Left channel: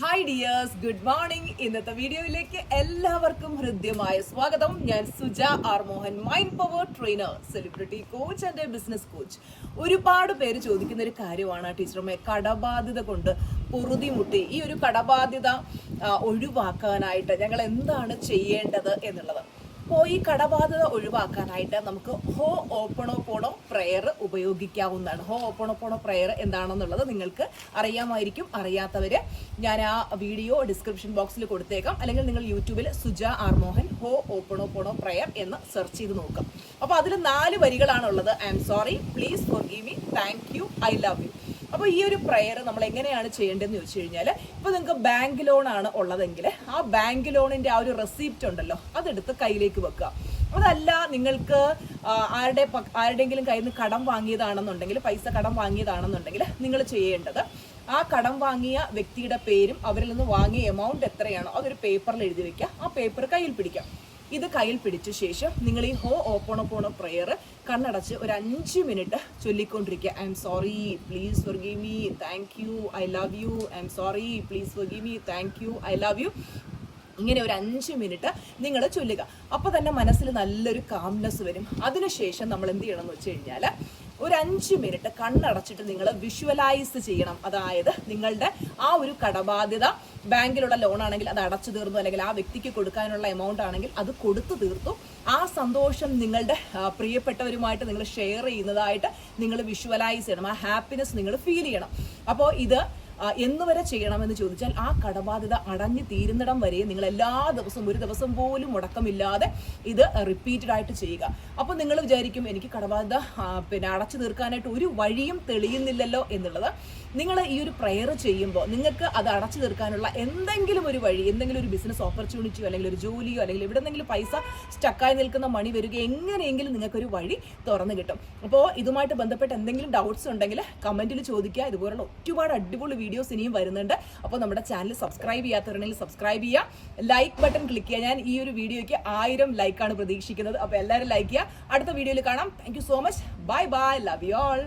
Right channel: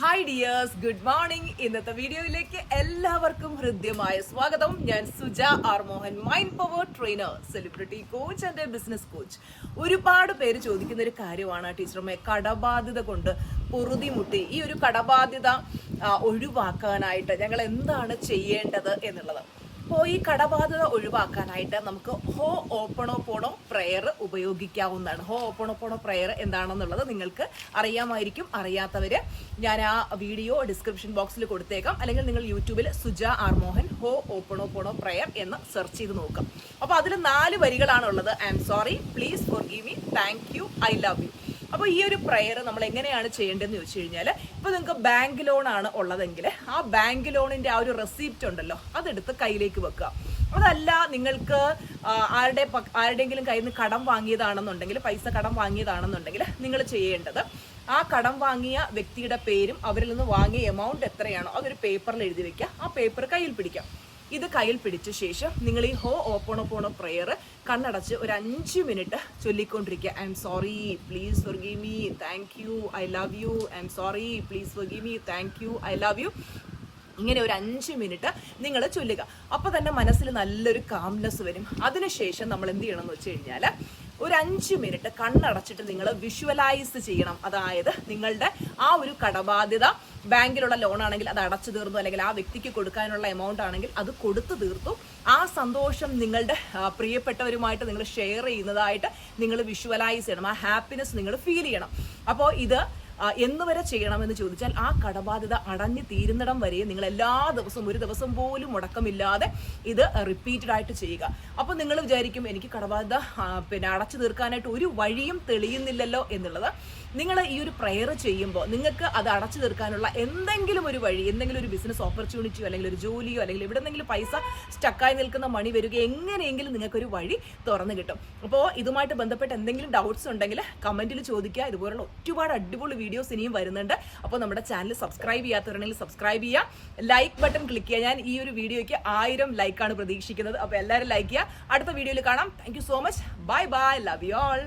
Hi dears, good morning. ഇന്നത്തെ വീഡിയോയിലേക്ക് എല്ലാവർക്കും ഹൃദ്യമായ സ്വാഗതം. ഞാൻ Suja R Mohan, mind power trainer, celebrity coach and business coach. ഒരുപാട് പേര് ചോദിക്കുന്ന ഒരു കാര്യമാണ് ടീച്ചറമ്മേ, കടബാധ്യത കൊണ്ട് പൊറുതിമുട്ടി ഈ ഒരു കടബാധ്യത ഒഴിവാക്കാനായിട്ട് ഞങ്ങൾ എന്താണ് ചെയ്യേണ്ടത് എന്നുള്ളത്. അപ്പോൾ ഈ കടബാധ്യത ഒഴിവാക്കാനായിട്ട് നമുക്ക് ഹോ ഓപ്പണോപോണോ പ്രെയർ ഉപയോഗിക്കാവുന്നതാണ്. ഹോ ഓപ്പണോപോണോ പ്രെയർ എന്താണെന്നുള്ളത് നിങ്ങൾക്ക് അറിയാമായിരിക്കും. അറിയാത്തവര് ഞാൻ ആ വീഡിയോ ഡിസ്ക്രിപ്ഷൻ ബോക്സിൽ കൊടുത്തേക്കാം, അല്ലെങ്കിൽ നിങ്ങൾ യൂട്യൂബിൽ സുജ ആർ മോഹൻ ഹോ ഓപ്പണോപോണോ പ്രെയർ എന്ന് സെർച്ച് ചെയ്ത് നോക്കാം. അപ്പൊ അതിൽ 4 വരികളാണുള്ളത്. I'm sorry, please forgive me, thank you, I love you. അപ്പൊ ഈ ഒരു പ്രെയർ നമ്മൾ എങ്ങനെയാണ് ചെയ്യേണ്ടതെന്ന് ചോദിച്ചു കഴിഞ്ഞാൽ, ഇപ്പൊ നിങ്ങൾക്ക് ബാങ്ക് ലോൺ ആണ് ഉള്ളതെങ്കിൽ ആ ബാങ്ക് ലോണിന്റെ ആ ഒരു റെസിപ്റ്റ് ഉണ്ടല്ലോ, അതെടുത്ത് കയ്യിലേക്ക് വെക്കുക. അതല്ല നിങ്ങൾക്ക് ആരുടെയെങ്കിലും കയ്യിൽ നിന്ന് കടം വാങ്ങിയതാണെന്നുണ്ടെങ്കിൽ, പൈസ കടം വാങ്ങിയതാണെന്നുണ്ടെങ്കിൽ നിങ്ങൾ ചെയ്യേണ്ടത് ആ കടം വാങ്ങിയ വ്യക്തിയുടെ പേരും അവരിൽ നിന്ന് വാങ്ങിയ എമൗണ്ട് എത്രയാണോ അതൊരു പേപ്പറിൽ എഴുതി വെക്കുക. ആ പേപ്പർ കയ്യിൽ പിടിക്കാം. ഇത് കയ്യിൽ പിടിച്ച ശേഷം നിങ്ങൾ ഈ ഹോ ഓപ്പണോപോണോ പ്രെയർ കണ്ണടച്ച് ഒരു 5 മിനിറ്റ് ചൊല്ലിക്കൊണ്ടിരിക്കുക. I'm sorry, please forgive me, thank you, I love you. I'm sorry, please forgive me, thank you, I love you. ഇങ്ങനെ ഒരു 5 മിനിറ്റ് നിങ്ങൾ ചൊല്ലുക. അപ്പൊ തന്നെ മനസ്സിൽ നല്ലൊരു കാംനെസ് വരും. അതിനുശേഷം നമ്മൾ എന്ത് ചെയ്യണം എന്ന് വെച്ച് കഴിഞ്ഞാൽ, ഒരു 5 മിനിറ്റ് കണ്ണടച്ചിട്ട് നിങ്ങൾ വിഷ്വലൈസ് ചെയ്യണം. അതായത് നിങ്ങളുടെ ആ ഒരു കടബാധ്യത, ബാങ്കിലുള്ള ലോൺ ആണെങ്കിൽ അത് അടച്ചു തീർന്നു, അല്ലെങ്കിൽ ആ വ്യക്തിക്ക് കൊടുക്കാനുള്ള എമൗണ്ട് ആണെങ്കിൽ അത് കൊടുത്തു തീർത്തു. ആ സന്തോഷം നിങ്ങളുടെ പ്രിയപ്പെട്ടവരുമായിട്ട് നിങ്ങൾ ഷെയർ ചെയ്യുന്നതായിട്ട് നിങ്ങൾ വിഷ്വലൈസ് ചെയ്യണം. ആ ഹാപ്പിനെസ് നിങ്ങൾ ഫീൽ ചെയ്യണം. അപ്പോൾ ഇത് എന്നുവരെ ചെയ്യണമെന്ന് ചോദിച്ചാൽ, ആ കടബാധ്യത അടഞ്ഞു തീരുന്നിടം വരെ നിങ്ങൾ എല്ലാ ദിവസവും, ഒരു ദിവസം പോലും മുടക്കമില്ലാതെ ഇത് റിപ്പീറ്റഡ് ആയിട്ട് ചെയ്യുക. അപ്പൊ നിങ്ങൾ വിചാരിക്കും, എനിക്ക് കടബാധ്യത അടച്ചു തീർക്കാനായിട്ട് ഒരു വഴിയും തെളിയുന്നില്ലല്ലോ എന്നുള്ളത്. നിങ്ങൾ ഈ ഒരു പ്രെയർ ചെയ്യുമ്പോൾ നിങ്ങൾക്ക് അത് അടച്ചു തീർക്കാനുള്ള എന്തെങ്കിലും ഒരു വഴി, എന്തെങ്കിലും ഒരു ബിസിനസ് ഓപ്പർച്യൂണിറ്റിയോ അല്ലെങ്കിൽ ഒരു ജോലിയോ അല്ലെങ്കിൽ എവിടെന്നെങ്കിലും പൈസ സ്റ്റക്കായി നിൽക്കുന്ന മണി വരിക, എങ്ങനെയെങ്കിലും നിങ്ങൾക്കൊരു വഴി തുറന്നു കിട്ടും. അപ്പോൾ ഇതുമായിട്ട് ബന്ധപ്പെട്ട് എന്തെങ്കിലും ഡൗട്ട്സ് ഉണ്ടെങ്കിൽ കമന്റിൽ ചോദിക്കുക. ഇതുപോലുള്ള ഒരുപാട് അടിപൊളി വീഡിയോസ് ഇനിയും വരുന്നുണ്ട്. അപ്പോൾ നമ്മുടെ ചാനൽ സബ്സ്ക്രൈബ് ചെയ്യാത്തവരുണ്ടെങ്കിൽ സബ്സ്ക്രൈബ് ചെയ്യുക, ലൈക്ക് ബട്ടൺ ക്ലിക്ക് ചെയ്യുക. ഞാൻ ഈ ഒരു വീഡിയോയ്ക്ക് 1000 ലൈക്കാണ് പ്രതീക്ഷിക്കുന്നത്. അപ്പോൾ എല്ലാവരും ലൈക്ക് ചെയ്യുക. അടുത്ത വീഡിയോയിൽ കാണാം. Thank you so much. Bye bye, love you all.